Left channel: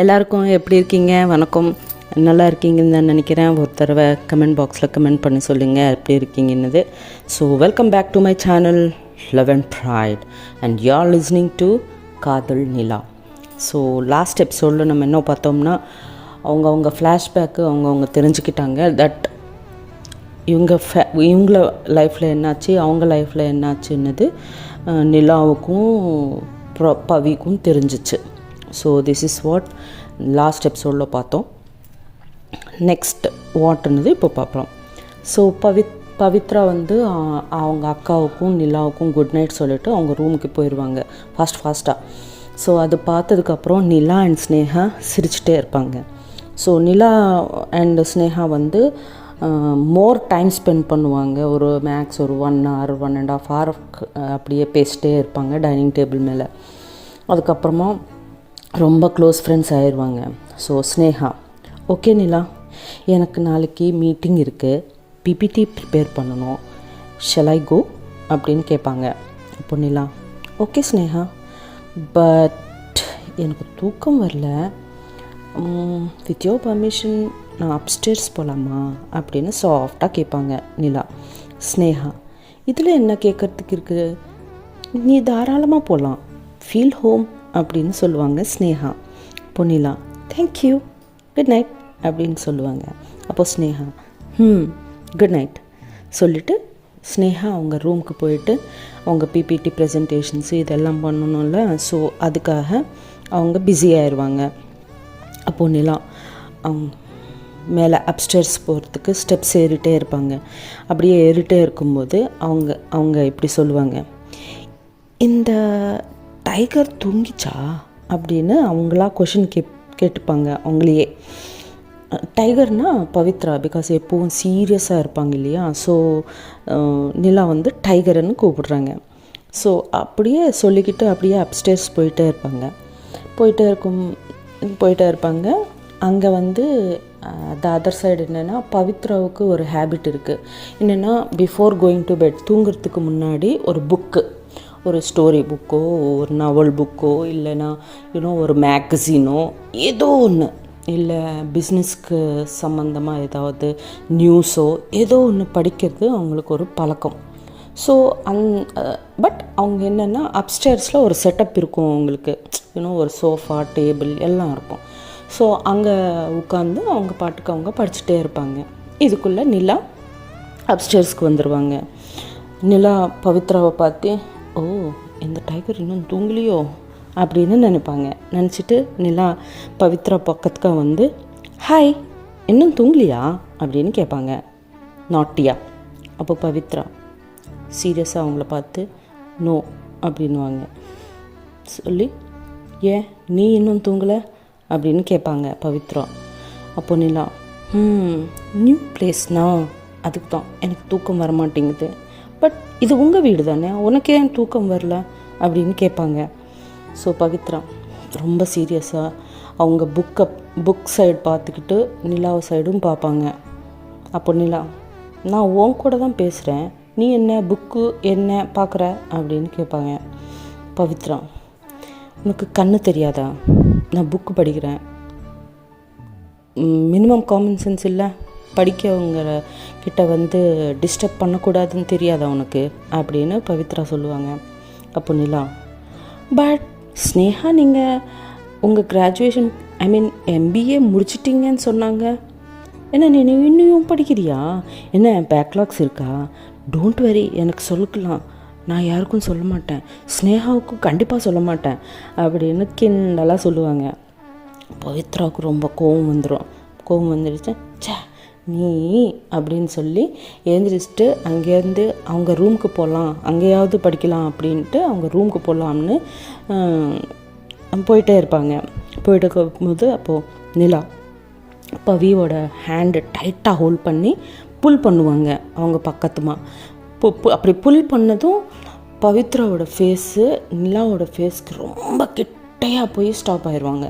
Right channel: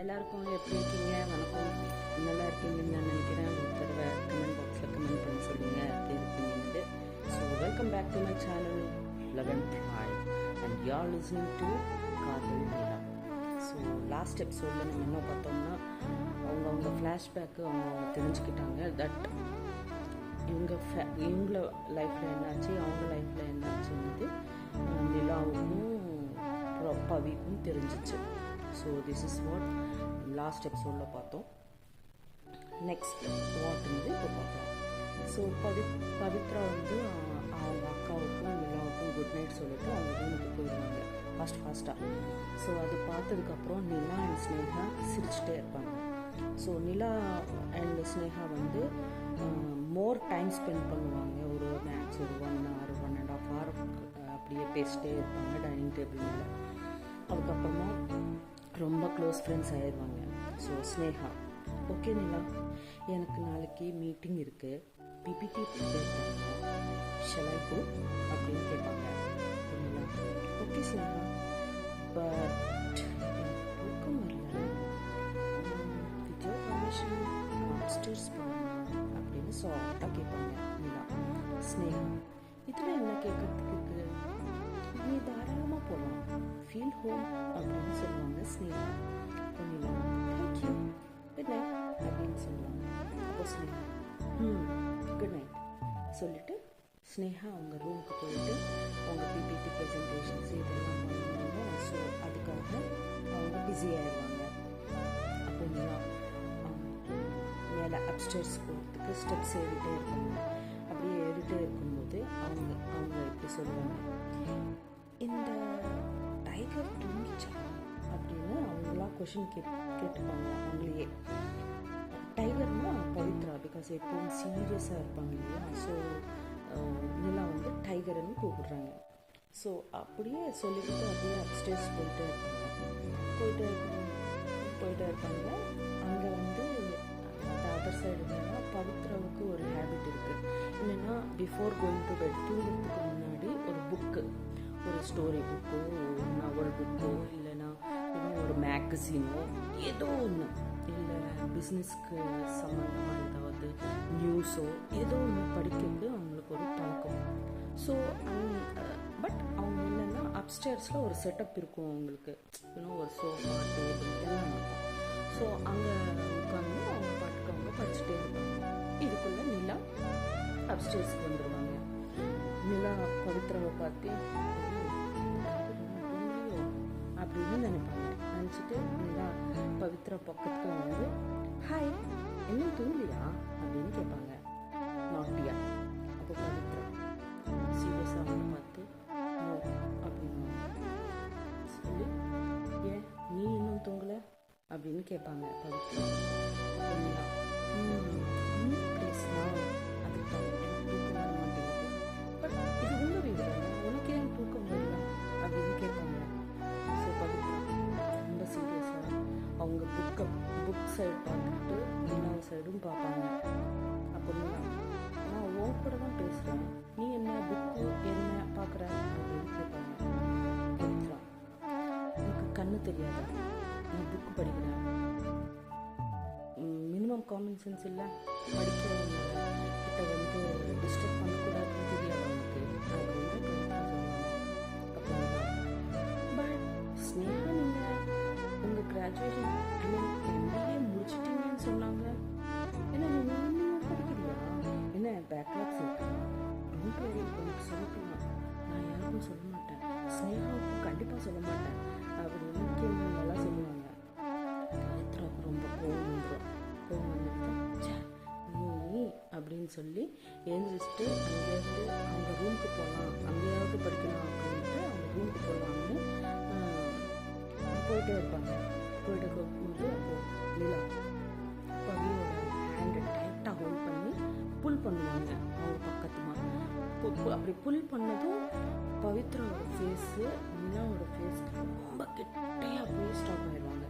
எல்லாருக்கும் எப்படி இருக்கீங்க? வணக்கம். நல்லா இருக்கீங்கன்னு நான் நினைக்கிறேன். ஒரு தடவை கமெண்ட் பாக்ஸில் கமெண்ட் பண்ணி சொல்லுங்கள் எப்படி இருக்கீங்கன்னு. So welcome back to my channel love and pride and you are listening to Kadhal Nila. So last எபிசோடில் நம்ம என்ன பார்த்தோம்னா அவங்க ஃப்ளாஷ்பேக்கு அவங்க தெரிஞ்சுக்கிட்டாங்க தட் இவங்கள லைஃப்பில் என்னாச்சு, அவங்க லைஃப்பில் என்னாச்சுன்னது நிலாவுக்கும் பவிக்கும் தெரிஞ்சிச்சு. So this is what last எபிசோடில் பார்த்தோம். நெக்ஸ்ட் வாட்னது இப்போ பார்க்குறோம். ஸோ பவித்ரா அவங்க அக்காவுக்கும் நிலாவுக்கும் குட் நைட் சொல்லிவிட்டு அவங்க ரூமுக்கு போயிடுவாங்க ஃபாஸ்ட்டாக. ஸோ அது பார்த்ததுக்கப்புறம் நிலா அண்ட் ஸ்னேகா சிரிச்சிட்டே இருப்பாங்க. So Nila and Sneha more time spend பண்ணுவாங்க. ஒரு மேக்ஸ் ஒரு 1 hour 1.5 hour அப்படியே பேசிட்டே இருப்பாங்க டைனிங் டேபிள் மேலே. அதுக்கப்புறமா ரொம்ப க்ளோஸ் ஃப்ரெண்ட்ஸ் ஆயிடுவாங்க. ஸோ ஸ்னேகா, ஓகே நிலா, எனக்கு நாளைக்கு மீட்டிங் இருக்குது, பிபிடி ப்ரிப்பேர் பண்ணணும், ஷல் ஐ கோ அப்படின்னு கேட்பாங்க. இப்போ நிலா, ஓகே ஸ்னேகா, பட் எனக்கு தூக்கம் வரல, வித் யோர் பர்மிஷன் நான் அப்ஸ்டேர்ஸ் போகலாமா அப்படின்னு சாஃப்டாக கேட்பாங்க நிலா. ஸ்னேகா, இதில் என்ன கேட்குறதுக்கு இருக்குது, நீ தாராளமாக போகலாம், ஃபீல் ஹோம் அப்படின்னு சொல்லுவாங்க ஸ்னேகா. அப்போ நிலா, தேங்க்யூ, குட் நைட் அப்படின்னு சொல்லுவாங்க. அப்போது ஸ்னேகா, குட் நைட் சொல்லிவிட்டு ஸ்னேகா அவங்க ரூமுக்கு போயிட்டு அவங்க பிபிடி ப்ரெசன்டேஷன்ஸு இதெல்லாம் பண்ணணும்ல. ஸோ அதுக்காக அவங்க பிஸி ஆயிடுவாங்க. அப்போது நிலா மேலே அப்ஸ்டேர்ஸ் போகிறதுக்கு ஸ்டெப்ஸ் ஏறிட்டே இருப்பாங்க. அப்படியே ஏறிட்டே இருக்கும்போது அவங்க இப்படி சொல்லுவாங்க, இந்த டைகர் தூங்கிச்சா அப்படின்னு அவங்களா கொஷின் கேட்டுப்பாங்க அவங்களையே. டைகர்னால் பவித்ரா, பிகாஸ் எப்போவும் சீரியஸாக இருப்பாங்க இல்லையா. ஸோ நிலா டைகர்னு கூப்பிடுறாங்க. ஸோ அப்படியே சொல்லிக்கிட்டு அப்படியே அப்ஸ்டேர்ஸ் போயிட்டே இருப்பாங்க. அங்கே த அதர் சைடு என்னென்னா பவித்ராவுக்கு ஒரு ஹேபிட் இருக்குது. என்னென்னா பிஃபோர் கோயிங் டு பெட், தூங்குறதுக்கு முன்னாடி ஒரு புக்கு, ஒரு ஸ்டோரி புக்கோ ஒரு நாவல் புக்கோ இல்லைன்னா ஒரு மேகசினோ ஏதோ ஒன்று, இல்லை பிஸ்னஸ்க்கு சம்மந்தமாக ஏதாவது நியூஸோ ஏதோ ஒன்று படிக்கிறது அவங்களுக்கு ஒரு பழக்கம். ஸோ பட் அவங்க என்னென்னா அப்ஸ்டேர்ஸில் ஒரு செட்டப் இருக்கும் அவங்களுக்கு, ஒரு சோஃபா டேபிள் எல்லாம் இருக்கும். ஸோ அங்கே உட்காந்து அவங்க பாட்டுக்கு அவங்க படிச்சுட்டே இருப்பாங்க. இதுக்குள்ளே நிலா அப்ஸ்டேர்ஸ்க்கு வந்துடுவாங்க. நிலா பவித்ராவை பார்த்து, ஓ இந்த டைகர் இன்னும் தூங்கலையோ அப்படின்னு நினச்சிட்டு நிலா பவித்ரா பக்கத்துக்கு ஹாய் இன்னும் தூங்கலையா அப்படின்னு கேட்பாங்க நாட்டியா. அப்போ பவித்ரா சீரியஸாக அவங்கள பார்த்து நோ அப்படின்வாங்க. சொல்லி, ஏன் நீ இன்னும் தூங்கலை அப்படின்னு கேட்பாங்க பவித்ரா. அப்போ நிலா, நியூ பிளேஸ்னா அதுக்கு தான் எனக்கு தூக்கம் வர மாட்டேங்குது, பட் இது உங்கள் வீடு தானே, உனக்கு ஏன் தூக்கம் வரல அப்படின்னு கேட்பாங்க. ஸோ பவித்ரா ரொம்ப சீரியஸாக அவங்க புக் சைடு பார்த்துக்கிட்டு நிலாவை சைடும் பார்ப்பாங்க. அப்போ நிலா, நான் உன் கூட தான் பேசுகிறேன், நீ என்ன புக்கு என்ன பார்க்குற அப்படின்னு கேட்பாங்க. பவித்ரா, உனக்கு கண்ணு தெரியாதா, நான் புக்கு படிக்கிறேன், மினிமம் காமன் சென்ஸ் இல்லை, படிக்கவங்க கிட்ட டிஸ்டர்ப் பண்ணக்கூடாதுன்னு தெரியாதா உனக்கு அப்படின்னு பவித்ரா சொல்லுவாங்க. அப்போ நிலா, பட் ஸ்னேகா நீங்கள் உங்கள் கிராஜுவேஷன் MBA முடிச்சிட்டிங்கன்னு சொன்னாங்க, என்ன நீ இன்னும் படிக்கிறியா, என்ன பேக்லாக்ஸ் இருக்கா, டோன்ட் வெரி எனக்கு சொல்லிக்கலாம், நான் யாருக்கும் சொல்ல மாட்டேன், ஸ்னேகாவுக்கும் கண்டிப்பாக சொல்ல மாட்டேன் அப்படின்னு கிண்டலாக சொல்லுவாங்க. பவித்ராவுக்கு ரொம்ப கோவம் வந்துடுச்சு. சே நீ அப்படின்னு சொல்லி எழுந்திரிச்சிட்டு அங்கேருந்து அவங்க ரூமுக்கு போகலாம், அங்கேயாவது படிக்கலாம் அப்படின்ட்டு அவங்க ரூமுக்கு போகலாம்னு போயிட்டே இருப்பாங்க. போயிட்டு இருக்கும்போது அப்போது நிலா பவியோட ஹேண்டு டைட்டாக ஹோல்ட் பண்ணி புல் பண்ணுவாங்க அவங்க பக்கத்துமா. அப்படி புல் பண்ணதும் பவித்ராவோட ஃபேஸு நிலாவோட ஃபேஸ்க்கு ரொம்ப கிட்டையாக போய் ஸ்டாப் ஆகிருப்பாங்க.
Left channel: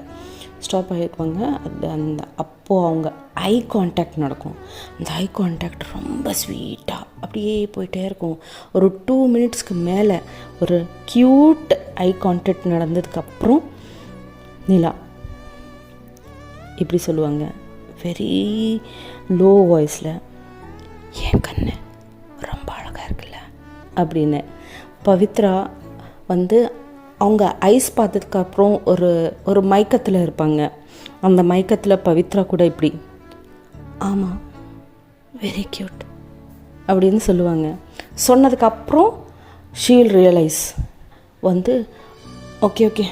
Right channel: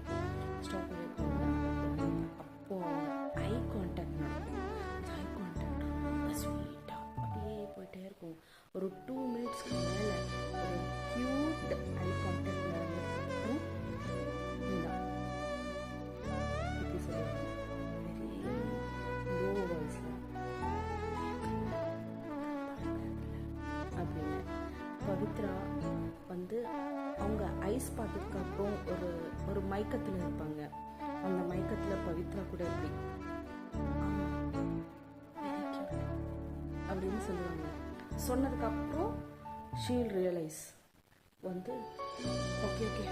அப்போது அவங்க ஐ கான்டாக்ட் நடக்கும். அந்த ஐ கான்டாக்ட் ரொம்ப ஸ்வீட்டாக அப்படியே போயிட்டே இருக்கும். ஒரு 2 minutesக்கு மேலே ஒரு க்யூட் ஐ கான்டாக்ட் நடந்ததுக்கப்புறம் நிலா இப்படி சொல்லுவாங்க வெரி லோ வாய்ஸில், என் கண்ணு ரொம்ப அழகாக இருக்குல்ல அப்படின்னு. பவித்ரா வந்து அவங்க ஐஸ் பார்த்ததுக்கப்புறம் ஒரு மயக்கத்தில் இருப்பாங்க. அந்த மயக்கத்தில் பவித்ரா கூட இப்படி ஆமாம் வெரி க்யூட் அப்படின்னு சொல்லுவாங்க. சொன்னதுக்கப்புறம் ஷீல் ரியலைஸ் வந்து ஓகே ஓகே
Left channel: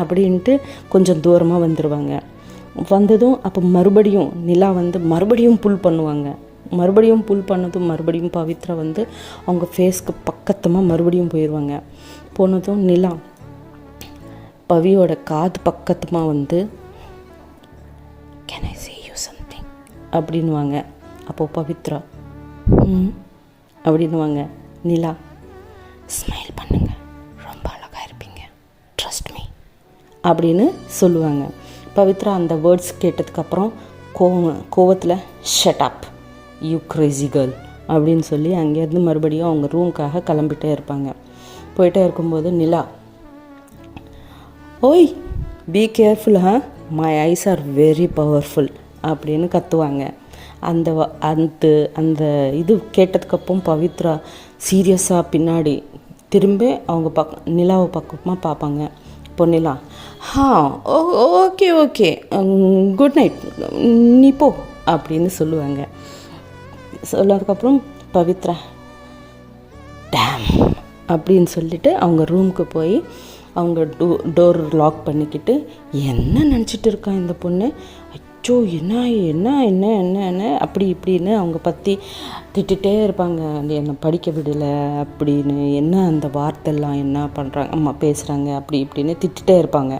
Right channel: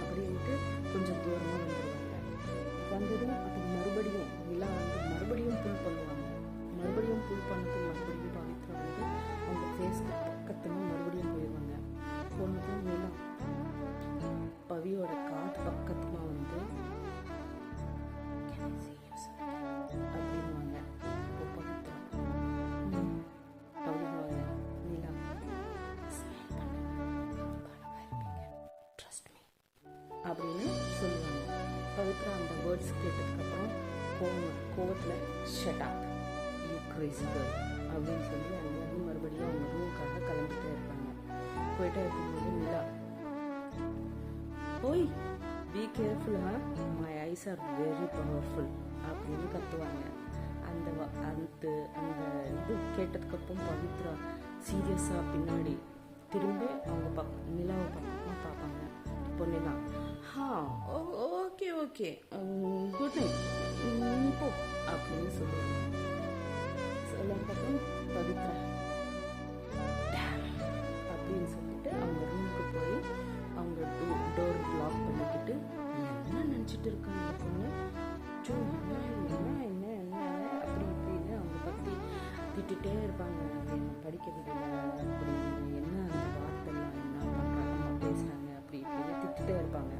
அப்படின்ட்டு கொஞ்சம் தூரமாக வந்துடுவாங்க. வந்ததும் அப்போ மறுபடியும் நிலா வந்து மறுபடியும் புல் பண்ணுவாங்க. மறுபடியும் புல் பண்ணதும் மறுபடியும் பவித்ரா வந்து அவங்க ஃபேஸ்க்கு பக்கத்தமாக மறுபடியும் போயிடுவாங்க. போனதும் நிலா பவியோட காது பக்கத்தமாக வந்து can I say you something அப்படின்வாங்க. அப்போது பவித்ரா அப்படின்வாங்க. நிலா ஸ்மைல் பண்ணுங்க, ரொம்ப அழகாக இருப்பீங்க, ட்ரஸ்ட் மீ அப்படின்னு சொல்லுவாங்க. பவித்ரா அந்த வேர்ட்ஸ் கேட்டதுக்கப்புறம் கோவத்தில் shut up you crazy girl அப்படின்னு சொல்லி அங்கேருந்து மறுபடியும் அவங்க ரூமுக்காக கிளம்பிட்டே இருப்பாங்க. போயிட்டே இருக்கும்போது நிலா ஓய் be careful my eyes are very powerful அப்படின்னு கத்துவாங்க. அந்த அந்த அந்த இது கேட்டதுக்கப்புறம் பவித்ரா சீரியஸாக பின்னாடி திரும்பி அவங்க நிலாவை பக்கமாக பார்ப்பாங்க. இப்போ நிலா ஓகே ஓகே குட் நைட் நீ போ அப்படின்னு சொல்லுவாங்க. சொன்னதுக்கப்புறம் பவித்ரா டேம் அப்படின்னு சொல்லிவிட்டு அவங்க ரூமுக்கு போய் அவங்க டோர் லாக் பண்ணிக்கிட்டு என்ன நினச்சிட்டு இருக்கான் இந்த பொண்ணு, அச்சோ என்ன என்ன என்ன என்ன என்ன அப்படி இப்படின்னு அவங்க பற்றி திட்டுகிட்டே இருப்பாங்க. என்னை படிக்க விடலை அப்படின்னு, என்ன அந்த வார்த்தைலாம் என்ன பண்ணுறாங்க அம்மா பேசுகிறாங்க அப்படி இப்படின்னு திட்டுகிட்டே இருப்பாங்க.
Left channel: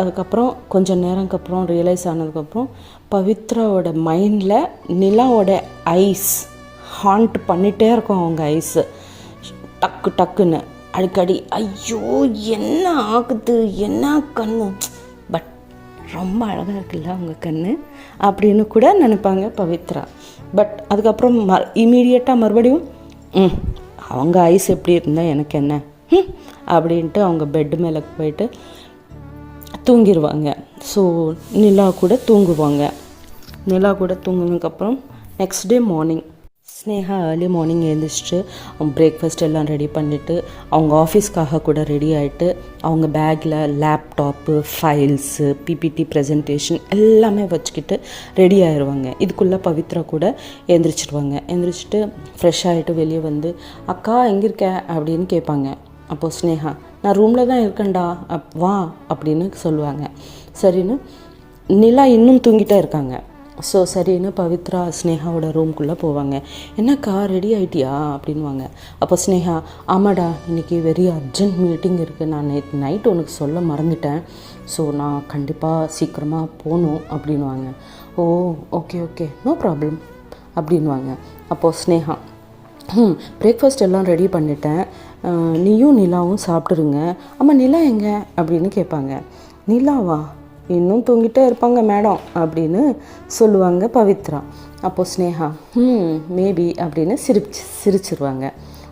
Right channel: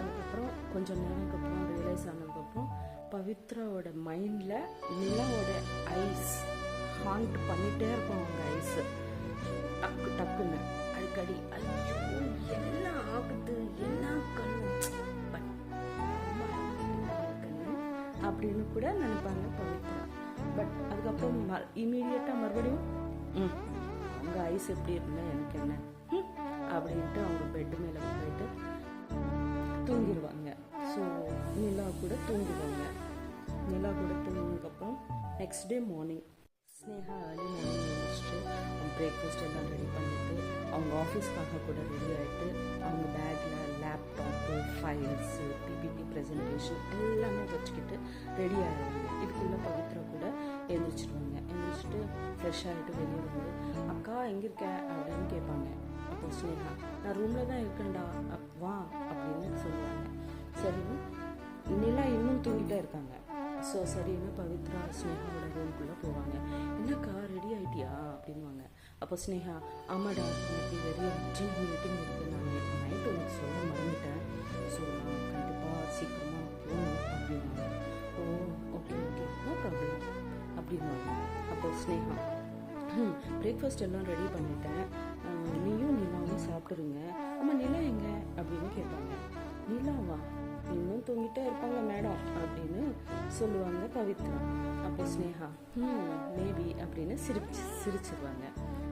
அதுக்கப்புறம் கொஞ்சம் நேரம்க்கு அப்புறம் ரியலைஸ் ஆனதுக்கப்புறம் பவித்ராவோட மைண்டில் நிலாவோட ஐஸ் ஹாண்ட் பண்ணிகிட்டே இருக்கும். அவங்க ஐஸு டக்கு டக்குன்னு அடிக்கடி ஐயோ என்ன ஆகுது என்ன கண்ணு, பட் ரொம்ப அழகாக இருக்குல்ல அவங்க கண்ணு அப்படின்னு கூட நினைப்பாங்க பவித்ரா. பட் அதுக்கப்புறம் இமீடியட்டாக மறுபடியும் அவங்க ஐஸ் எப்படி இருந்தால் எனக்கு என்ன அப்படின்ட்டு அவங்க பெட்டு மேலே போயிட்டு தூங்கிடுவாங்க. ஸோ நிலா கூட தூங்குவாங்க. நிலா கூட தூங்குனதுக்கப்புறம் next day morning Sneha early morning எழுந்திரிச்சிட்டு அவங்க பிரேக்ஃபாஸ்ட் எல்லாம் ரெடி பண்ணிவிட்டு அவங்க ஆஃபீஸ்க்காக கூட ரெடி ஆகிட்டு அவங்க பேக்கில் லேப்டாப்பு ஃபைல்ஸு பிபிடி ப்ரெசன்டேஷன் எல்லாமே வச்சுக்கிட்டு ரெடி ஆயிடுவாங்க. இதுக்குள்ளே பவித்ரா கூட எழுந்திரிச்சிடுவாங்க. எழுந்திரிச்சிட்டு ஃப்ரெஷ் ஆகிட்டு வெளியே வந்து அக்கா எங்கே இருக்க அப்படின்னு கேட்பாங்க. அப்போது ஸ்னேகா நான் ரூமில் தான் இருக்கேன்டா வா அப்படின்னு சொல்லுவாங்க. சரின்னு நிலா இன்னும் தூங்கிட்டே இருக்காங்க. ஸோ சரின்னு பவித்ரா ஸ்னேகாவோட ரூம்குள்ளே போவாங்க. என்னக்கா ரெடி ஆகிட்டியா அப்படின்வாங்க. அப்போ ஸ்னேகா ஆமாடா இன்றைக்கி வெரி அர்ஜென்ட் மீட்டிங் இருக்குது, நான் நேற்று நைட் உனக்கு சொல்ல மறந்துட்டேன், ஸோ நான் கண்டிப்பாக சீக்கிரமாக போகணும் அப்படின்வாங்க. ஓ ஓகே ஓகே நோ ப்ராப்ளம் அப்படின்வாங்க. அப்போது ஸ்னேகா பிரேக்ஃபாஸ்ட் எல்லாம் ரெடி பண்ணிட்டேன், நீயும் நிலாவும் சாப்பிட்ருங்க. ஆமாம் நிலா எங்கே அப்படின்னு கேட்பாங்க. நிலாவா இன்னும் தூங்கிட்டே இருப்பாங்க மேடம் அப்படின்னு சொல்லுவாங்க பவித்ரா. அப்போது ஸ்னேகா மேபி அப்படின்னு சிரிச்சிருவாங்க.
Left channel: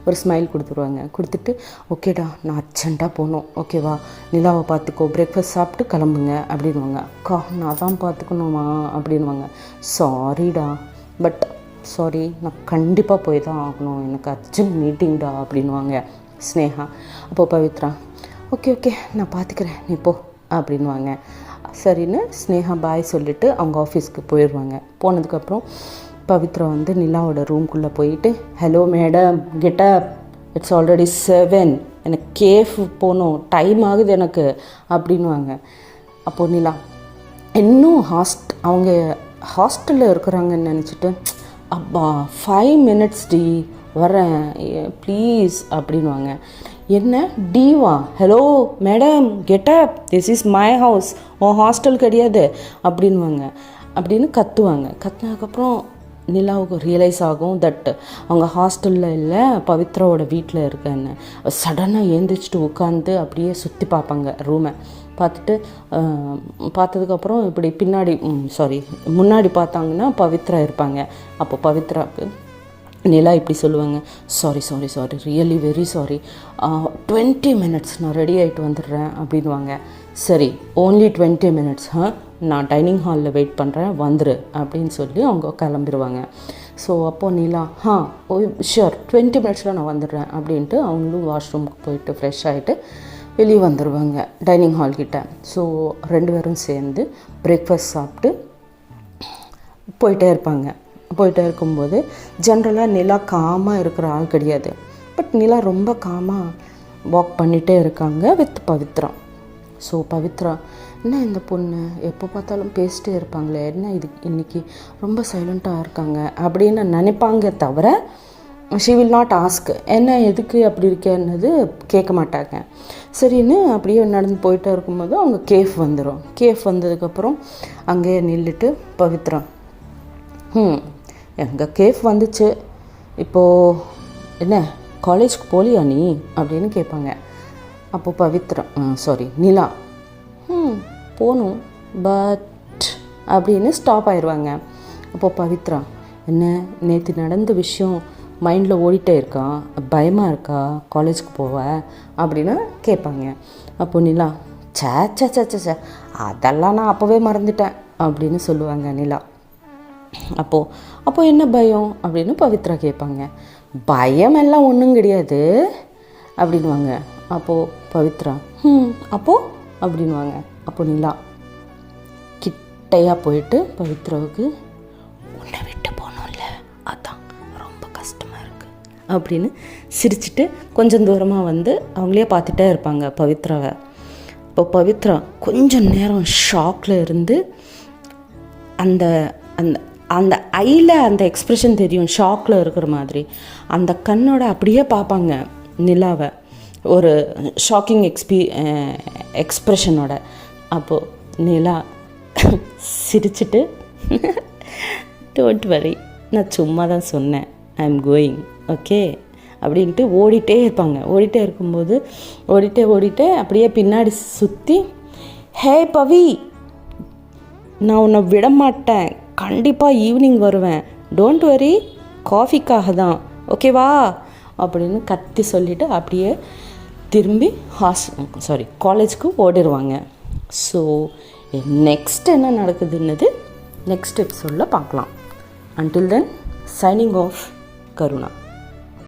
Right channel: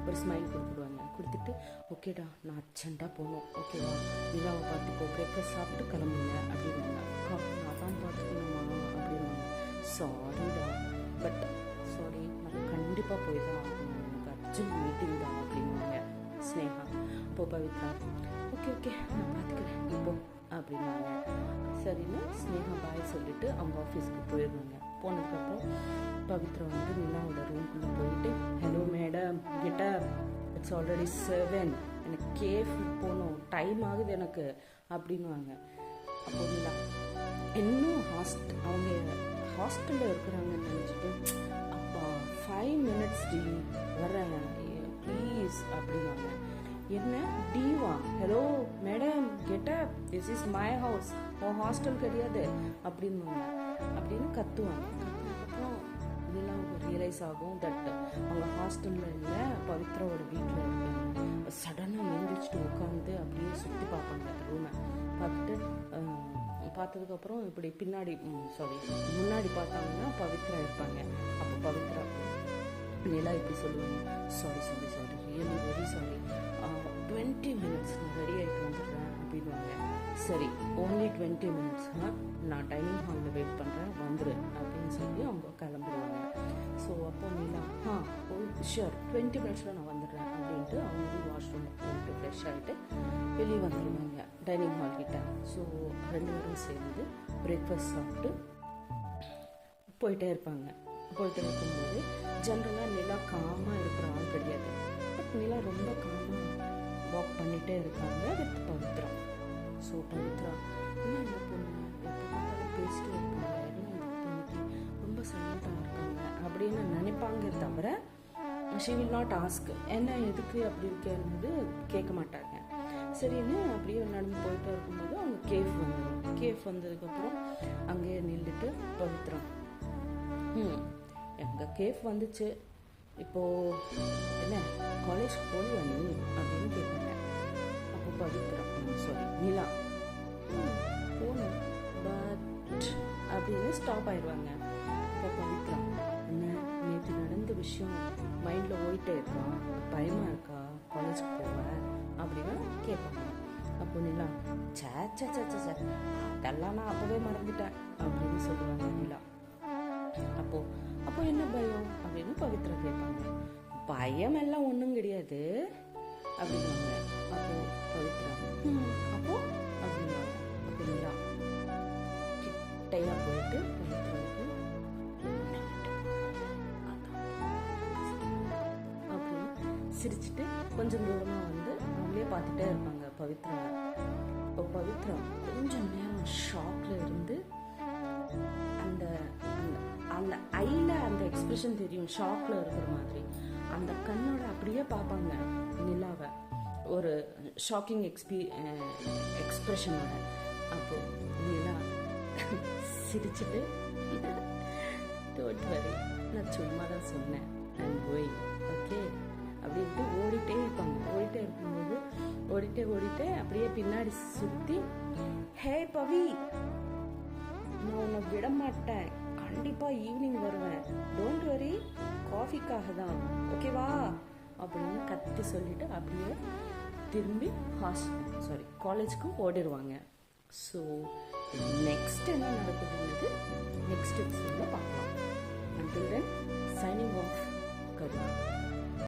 ஒரு ஸ்மைல் கொடுத்துருவாங்க. கொடுத்துட்டு ஓகேடா நான் அர்ஜென்ட்டாக போகணும், ஓகேவா நிலாவை பார்த்துக்கோ, பிரேக்ஃபாஸ்ட் சாப்பிட்டு கிளம்புங்க அப்படின்வாங்க. அக்கா நான் தான் பார்த்துக்கணுமா அப்படின்வாங்க. சாரிடா பட் சாரி நான் கண்டிப்பாக போய் தான் ஆகணும், எனக்கு அர்ஜென்ட் மீட்டிங்டா அப்படின்வாங்க ஸ்னேகா. அப்போது பவித்ரா ஓகே ஓகே நான் பார்த்துக்கிறேன் நீ போ அப்படின்வாங்க. சரின்னு ஸ்னேகா பாய் சொல்லிவிட்டு அவங்க ஆஃபீஸ்க்கு போயிடுவாங்க. போனதுக்கப்புறம் பவித்ரா வந்து நிலாவோட ரூம்குள்ளே போயிட்டு hello madam get up it's already 7 எனக்கு கேஃப் போகணும் டைம் ஆகுது எனக்கு அப்படின்வாங்க. அப்போது நிலா இன்னும் அவங்க ஹாஸ்டலில் இருக்கிறாங்கன்னு நினச்சிட்டு அப்பா 5 minutes டி வரேன் ப்ளீஸ் அப்படின்வாங்க. என்ன diva hello madam get up this is my house, உன் ஹாஸ்டல் கிடையாது அப்படின்வாங்க. அப்படின்னு கத்துவாங்க. கத்துனதுக்கப்புறம் நிலாவுக்கு ரியலைஸ் ஆகும் தட் அவங்க ஹாஸ்டலில் இல்லை பவித்ராவோட வீட்டில் இருக்கேன்னு. சடனாக எழுந்திரிச்சிட்டு உட்காந்து அப்படியே சுற்றி பார்ப்பாங்க ரூமை. பார்த்துட்டு பார்த்ததுக்கப்புறம் இப்படி முன்னாடி பார்த்தாங்கன்னா பவித்ரா இருப்பாங்க. அப்போ பவித்ராவுக்கு நிலா இப்படி சொல்லுவாங்க, sorry really very sorry 20 minutes நான் ரெடி ஆகிட்டு வந்துடுறேன் அப்படின்வாங்க. சரி ஓன்லி 20 மினிட்ஸ் நான் டைனிங் ஹாலில் வெயிட் பண்ணுறேன் வந்துரு அப்படின்னு சொல்லி அவங்க கிளம்பிடுவாங்க. ஸோ அப்போது நிலா ஷூர் 20 மினிட்ஸில் நான் வந்துடுறேன் அப்படின்ட்டு அவங்களும் வாஷ்ரூமுக்கு போயிட்டு ஃப்ரெஷ் ஆகிட்டு வெளியே வந்துடுவாங்க டைனிங் ஹால்கிட்ட. ஸோ 2 பேரும் சேர்ந்து பிரேக்ஃபாஸ்ட் சாப்பிட்டு போயிட்டே இருப்பாங்க. போயிட்டே இருக்கும்போது ஜென்ரலாக நிலா காமாக இருக்கிற ஆள் கிடையாது. பட் நிலா ரொம்ப காமாக வாக் பண்ணிகிட்டே இருக்காங்க வித் பவித்ரா. ஸோ பவித்ரா, என்ன இந்த பொண்ணு எப்போ பார்த்தாலும் பேசிட்டே இருப்பாங்களே, என்ன இது இன்றைக்கி ரொம்ப சைலண்ட்டாக இருக்காங்க அப்படின்னு நினைப்பாங்க தவிர ஷி வில் நாட் ஆஸ்க் என்ன எதுக்கு அப்படி இருக்கேன்னது கேட்க மாட்டாங்க. சரின்னு அப்படியே நடந்து போயிட்டே இருக்கும்போது அவங்க கேஃப் வந்துடும். கேஃப் வந்ததுக்கப்புறம் அங்கேயே நின்றுட்டு பவித்ரா, எங்கள் கேஃப் வந்துச்சு, இப்போது என்ன காலேஜ்க்கு போகலையா நீ அப்படின்னு கேட்பாங்க. அப்போது பவித்ரா நிலா போகணும் பட் அப்படின்னு ஸ்டாப் ஆயிடுவாங்க. அப்போது பவித்ரா, என்ன நேற்று நடந்த விஷயம் மைண்டில் ஓடிட்டே இருக்கா, பயமாக இருக்கா காலேஜுக்கு போவ அப்படின்னு கேட்பாங்க. அப்போது நிலா, சே அதெல்லாம் நான் அப்போவே மறந்துட்டேன் அப்படின்னு சொல்லுவாங்க நிலா. அப்போது என்ன பயம் அப்படின்னு பவித்ரா கேட்பாங்க. பயமெல்லாம் ஒன்றும் கிடையாது அப்படின்வாங்க. அப்போது பவித்ரா அப்போது அப்படின்வாங்க. அப்போ நிலா கிட்டையாக போயிட்டு பவித்ராவுக்கு, உன்னை விட்டு போகணும்ல அதான் ரொம்ப கஷ்டமாக இருக்குது அப்படின்னு சிரிச்சுட்டு கொஞ்சம் தூரமாக வந்து அவங்களே பார்த்துட்டே இருப்பாங்க பவித்ராவை. இப்போ பவித்ரா கொஞ்சம் நேரம் ஷாக்கில் இருந்து அந்த அந்த அந்த ஐயில் அந்த எக்ஸ்ப்ரெஷன் தெரியும், ஷாக்கில் இருக்கிற மாதிரி. அந்த கண்ணோட அப்படியே பார்ப்பாங்க நிலாவை, ஒரு ஷாக்கிங் எக்ஸ்ப்ரெஷனோட. அப்போது நிலா சிரிச்சுட்டு, டோன்ட் வரி, நான் சும்மா தான் சொன்னேன், ஐ எம் கோயிங் ஓகே அப்படின்ட்டு ஓடிட்டே இருப்பாங்க. ஓடிட்டே இருக்கும்போது ஓடிட்டே அப்படியே பின்னாடி சுற்றி, ஹே பவி, நான் உன்னை விட மாட்டேன், கண்டிப்பாக ஈவினிங் வருவேன், டோன்ட் வரி, காஃபிக்காக தான் ஓகேவா அப்படின்னு கத்தி சொல்லிவிட்டு அப்படியே திரும்பி காலேஜுக்கு ஓடிடுவாங்க. ஸோ நெக்ஸ்ட் என்ன நடக்குதுன்னது நெக்ஸ்ட் எபிசோடில் பார்க்கலாம். Until then, signing off, Karuna.